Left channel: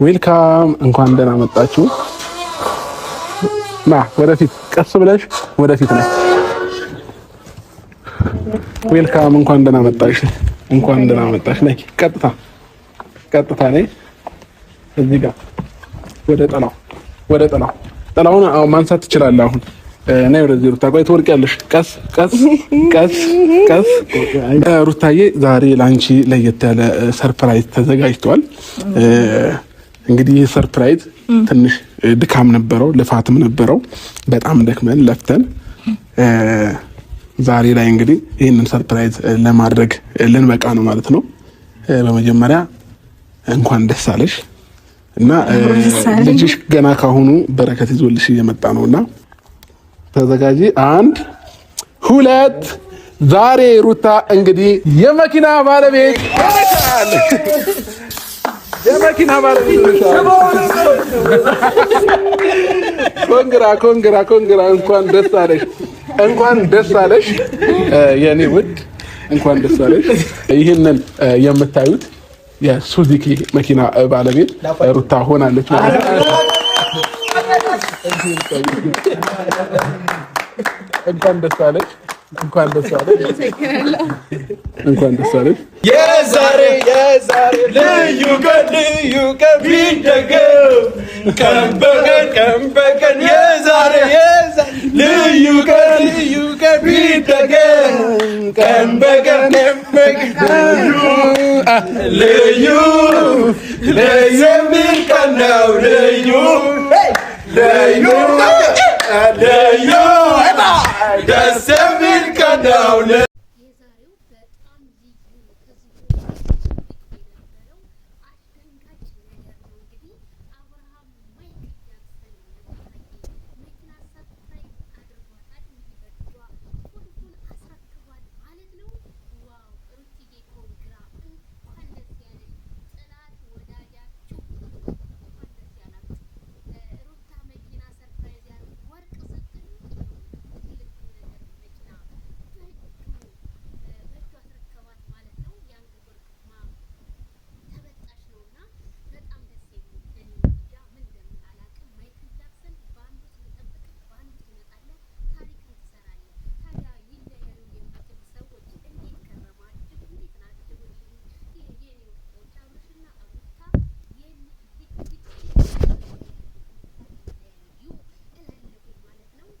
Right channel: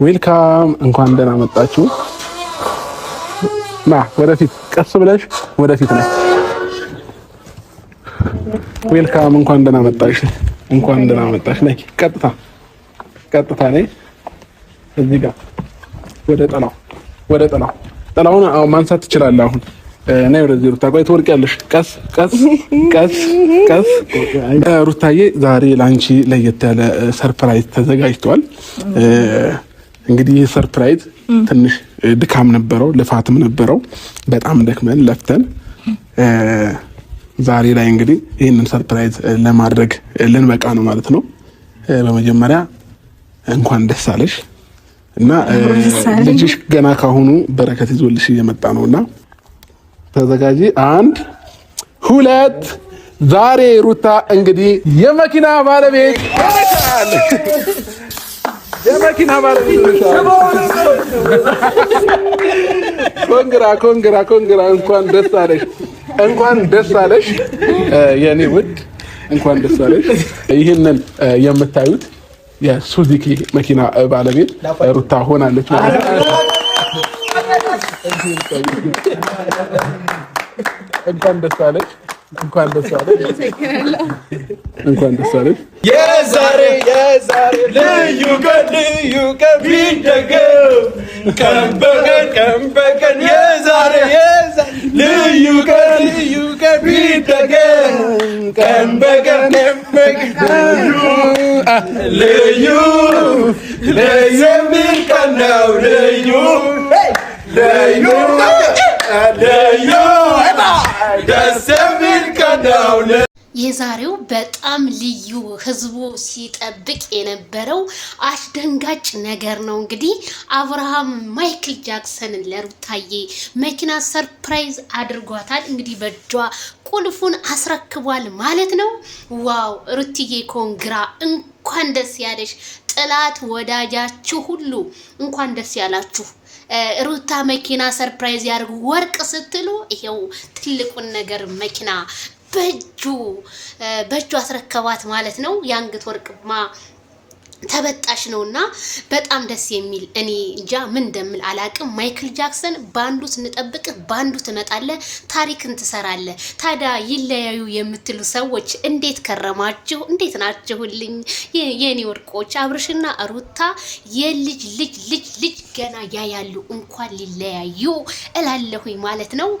ዌልካም እንኳን ደህና መጣችሁ ና ወደፊት ቀስ ብለሽ ወደፊት ነይ ዌልካም እንኳን ደህና መጣሽ ነይ ቀጥታ ነይ እዚህ ጋር ወደ ጥላውን ማንሳት ትችላለህ አሁን ነይ ወደዚህ ሩታ ቆይ ትወርቂያለሽ ቀስ ሩታዬ ዛሬ ላንቺ ለየት ያለ ሰርፕራይዝ ተዘጋጅቷል እንግዲህ ሰርፕራይዝ ትንሽ ድካም ነበረው ልፋትም ነበረው በጣም ደክመን ለፍተን ዛሬ ላይ እንግዲህ ይሄንን ሰርፕራይዝ ለማድረግ ልንበቃ ነው ማለት ነው በመጀመሪያ እንኳን ደስ አለሽ እና ልጅሽ ገና ካሁኑ በረከት ይዞልሽ እየመጣ ነውና ተዘጋጂ 1 2 ዛሬ ሩታ እንግዲህ የመኪና ባለቤት ሆነሻል የመኪና ባለቤት ኮንግራ እንኳን ደስ አለሽ የኔ ውድ እንኳን ደስ አለሽ ይሄንን የምታዩት የሱዙኪ መኪና ባለቤት ሩታ ሆናለች ማለት ነው እንኳን ደስ አለሽ የዛሬ ልዩ ቀን ቢደገም ቀን በቀን የዛሬ ልዩ ቀን ቢደገም ቀን በቀን ልዩ የሚል ቀን ነው ልዩ ደስ የሚል ቀን ነው የዛሬው በጣም ልዩ ህዝቡ ሲጠብቅ የነበረው አስደንጋጭ ነገር ነው እንግዲህ አብርሃም ማይክል ጃክሰን ለሩታዬ መኪና ሰርፕራይዝ አድርጓታል እንግዲህ በእጇ ቁልፉን አስረክቧል ማለት ነው ዋው ሩትዬ ኮንግራ እንኳን ደስ ያለሽ ጥላት ወዳጃችሁ ሁሉ እንኳን ደስ ያላችሁ ሩታ መኪና ሰርፕራይዝ ያርጉ ወርቅ ስትሉ ይሄው ትልቁን ነገር መኪና በእጁ አስረከባት ማለት ነው ያንገት ወርቅማ ተበጣሽ ነውና በጣም ደስ የሚል እኔ እንጃ ምን እንደምል አላቅም ማይክል ጃክሰን ባንዱ ስንጠብቅ ባንዱ ትመጣለ ታሪክን ትሰራለ ታዲያ ይለያዩ የምትሉ ሰዎች እንዴት ከረማችሁ እንዴት ናችሁልኝ የኔ ወርቆች አብርሽና ሩታ የልጅ ገና ያያሉ እንኳን ሊለያዩ እላለሁኝ ማለት ነው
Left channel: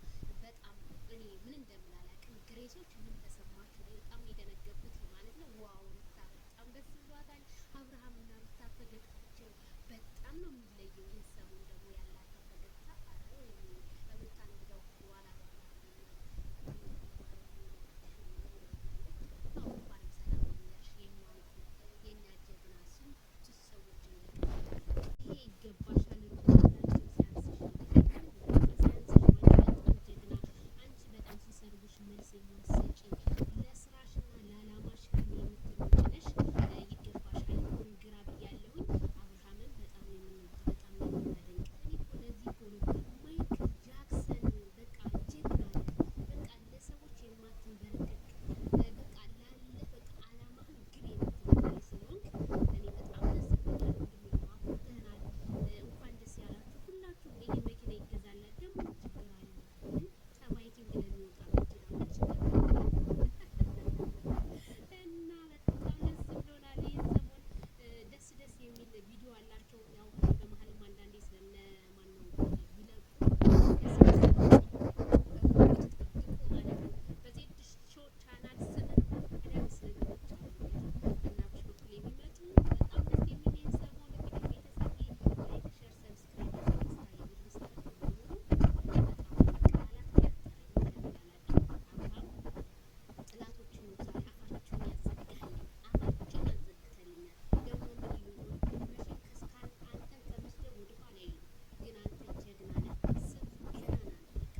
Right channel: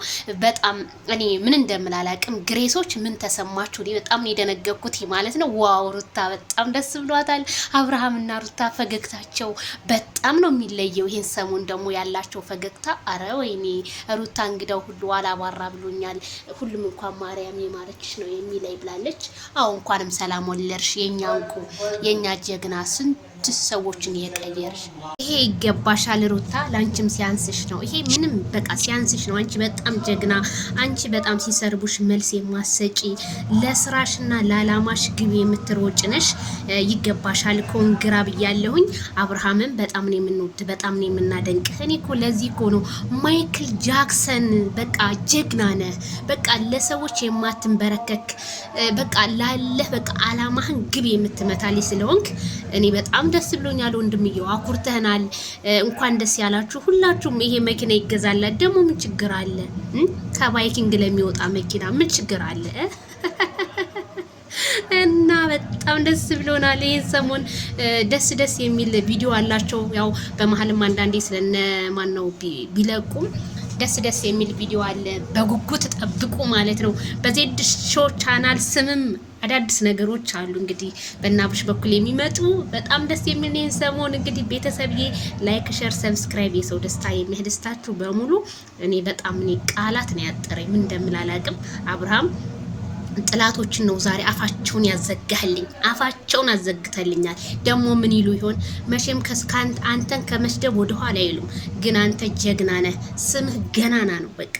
በጣም እኔ ምን እንደምል አላቅም ግሬሶች ምን ተሰማችሁ እኔ በጣም ነው የደነገኩት ማለት ነው ዋው ሩታ በጣም ደስ ብሏታል አብርሃም እና ሩታ ፈገግታቸው በጣም ነው የሚለየው ይሄን ሰሞን ደግሞ ያላቸው ፈገግታ አረ ወይኔ ሩታ እንግዳው ሁሉ አላባራ ብሎኛል ሁሉም እንኳን ማርያም የማረችሽ ነው የሚለይ ብላለች አው እንኳንም ሰላም ወለርሽ የኛ እንቁ የኛ ጀግና ስንት ሰዎችን የቀየርሽ ይሄ ይገባሻል ሩታ ላንቺም ሲያንስሽ ነው ይሄ ምንም በቃ ሲያንስሽ ነው አንቺ በጣም ጀግና አንቺ በጣም ሲሰርቡሽ መልስ የማሰጪ ለስራሽና ለዓላማሽ ግብ የምትሮጭ ነሽ ይገባሻል ኮንግራ ብያለሁኝ አብርሃምን በጣም ነው የምንወድ በጣም ነው የምናደንቅ እኔ እኮ ለዚህ እኮ ነው ማይክል ጃክሰን በቃ ጀግና ነህ በቃ ለሰዎች የማትንበረከክ በቃ ላለህ በቃ ዓላማህን ግብ የምትመታልኝ ስለሆንክ እኔ በጣም ደስ ብሎኛል ወንድምየው አኩርተናል እንኳን ደስ ያላችሁ ሁላችሁም ይሄ መኪና ይገዛል ደግሞ ምን ችግር አለ ከባይኪንግ ለሚወጣ መኪና ምን ችግር አለ እና በጣም ደስ ብሎናል ይሄን ሰሞን ደስ የሚል ቪዲዮ አላቸው ያው በመሐልም አንዳንዴ ስለነ ማን ነው ቢለቁም ደስ የሚል ቪዲዮ አለ በጉጉት ተጠብቁ ማለት ነው በዜድ ሾው ቻናል ስምም አዳዲስ ነገሮች አሉ እንግዲህ በእናብሽ በኩል የሚመጡ በጣም ደስ የሚል ይሄን ሰሞን እንግዲህ ቤተሰብዬ ላይክ ሼር ሰብስክራይብ የሰው ደስታ የሚያስደስታችሁ በሙሉ እኔ በጣም ቃላት ነው ያጠረኝ ምን እንደምል አላቅም አብርሃም ጥላቶችን ነው ዛሬ አፋቸውን ያዘጋህልኝ አፋቸውን አዘግተልኛል ደግሞ ምን ይሉ ይሆን መቼም ከስካንት አንተን ከመስደብ ወደ ኋላ አይሉም ግን አንተ ጀግና ነህ ስምህ ገናና ነው በቃ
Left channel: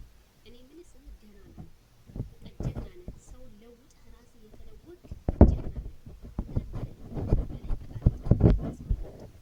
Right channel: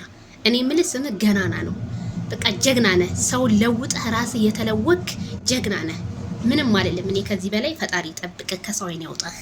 እኔ ምን ስምህ ገናና ነው በቃ ጀግና ነህ ሰው ለውጥህ ራስህ የተለወክ ጀግና ነህ ምንም አይደለም እኔ ከዚህ በላይ ፈጣሪ ጠብቀህ ከሰው አይን ያውጣህ